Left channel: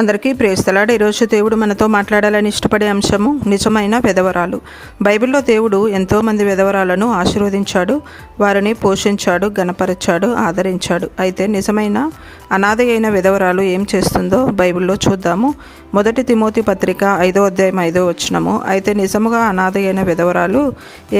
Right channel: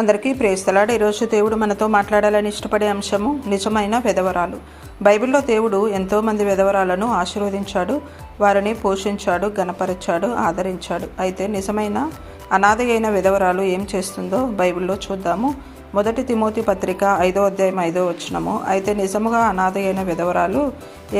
అందరికీ ప్రేస్తలాడ. ఈరోజు దేవుడు మనతో మాట్లాడాలని ఇష్టపడే అంశము నిజమైన విధవరాలు బైబిల్లో దేవుడు ఎంతోమంది విధవరాలను ఆశీర్వదించాడు వారిని పోషించాడు గణపరిచాడు ఆదరించాడు. అయితే నిజమైన అనాథ అయిన విధవరాలు ఏం చేస్తుందో బైబిల్లో చూద్దాము. మొదటి తిమోతి పత్రిక ఐదో అధ్యాయం ఐదో వచ్చినము అయితే నిజముగా అనాథ అయిన విధవరాలు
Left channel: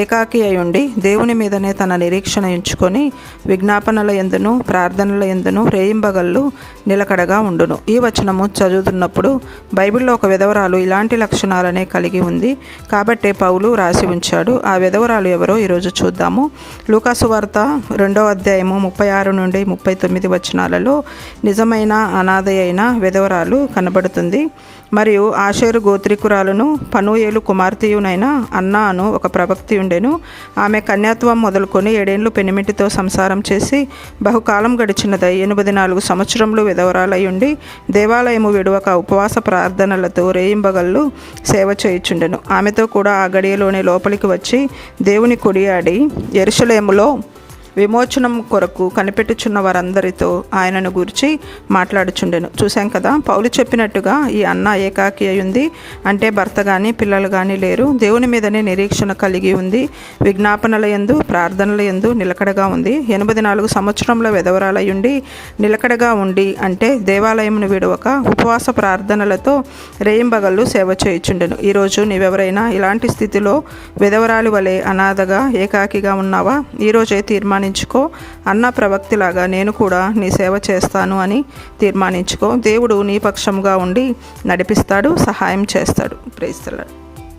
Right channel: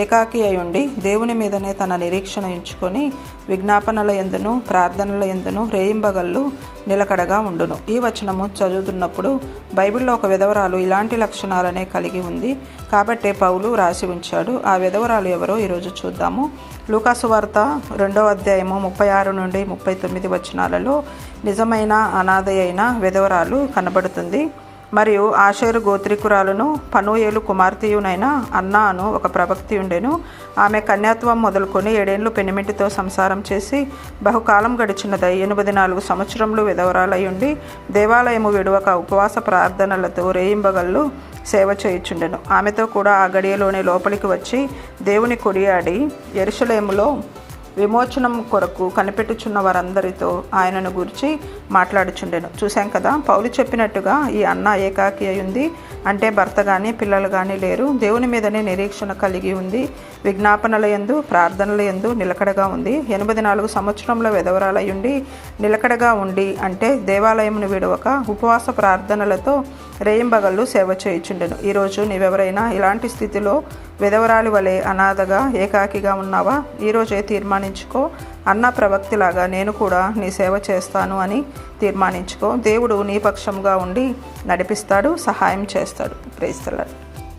ఏకాకి అయి ఉండి దేవుని మీదనే తన నిరీక్షణ ఎంచుకొని విజ్ఞాపనల ఎందును ప్రార్థనల ఎందును రేయింబగళ్ళు నిలకడగా ఉండును. ఈ వచనము చదువుతున్నప్పుడు బైబిల్లో ఒక విధవరాలు ఇలాంటి లక్షణాలనే కలిగి ఉంది. కాబట్టే పౌలు రాసి ఉంచాడు. ఆ విధవరాలు ఎవరో ఈరోజు చూద్దాము. లూకాసు వార్త రెండవ అధ్యాయము ముప్పై ఆరు నుండి ముప్పై తొమ్మిది వచనాలలో నిజమైన అనాథ అయిన విధవరాలు కనబడుతుంది. మరియు ఆషేరు గోత్రికురాలను పనుయేలు కుమార్తెయునైన అన్నా అను ఒక ప్రవక్తి ఉండెను. ఆమె కన్యాత్వం మొదలుకొని ఏడేండ్లు పెనిమిటితో సంసారం చేసి బహుకాలం గడిచినదై ఎనిమిది నాలుగు సంవత్సరములు విధవరాలై ఉండి దేవాలయము విడువక ఉపవాస ప్రార్థనలతో రేయింబగళ్ళు సేవ చేయుచుండెను. ఆమెతో కూడా ఆ గడియలోనే లోపలికి వచ్చి దేవుని కొడియాడి ఎరుసలేములో విమోచనం కొరకు కనిపెట్టుచున్న వారందరితో ఆయనను గురించి మాట్లాడుచుండెను. చూశాం కదా పౌలు చెప్పినట్టుగా ఈ అన్న ఏకాకి అయింది అంటే భర్త కానీ పిల్లలు కానీ లేరు. దేవుని మీదనే నిరీక్షణ కలిగి ఉంది. విజ్ఞాపనల ఎందు ప్రార్థనల ఎందు నిలకడగా ఉంది. ఎనభై నాలుగు సంవత్సరంలో వెదవరాలయ్యుండి నిలకడగా ఉండి అంటే దేవాలయమును విడవక ఉపవాస ప్రార్థనలతో రేయింబగళ్ళు సేవ చేయుచుండెను. ఈరోజు నీవెవరైనా ఇలాంటి స్థితిలో విధవరాలి వలె అనాథగా ఏకాకిగా ఉన్నావా? ఈరోజే తీర్మానించుకో. అన్న ప్రవక్తిలాగా నేను కూడా నీ సేవ చేస్తాను అని తీర్మానించుకో. దేవుడు నీ పక్షంగా ఉండి నడిపిస్తాడు సహాయం చేస్తాడు. ప్రేస్తలాడు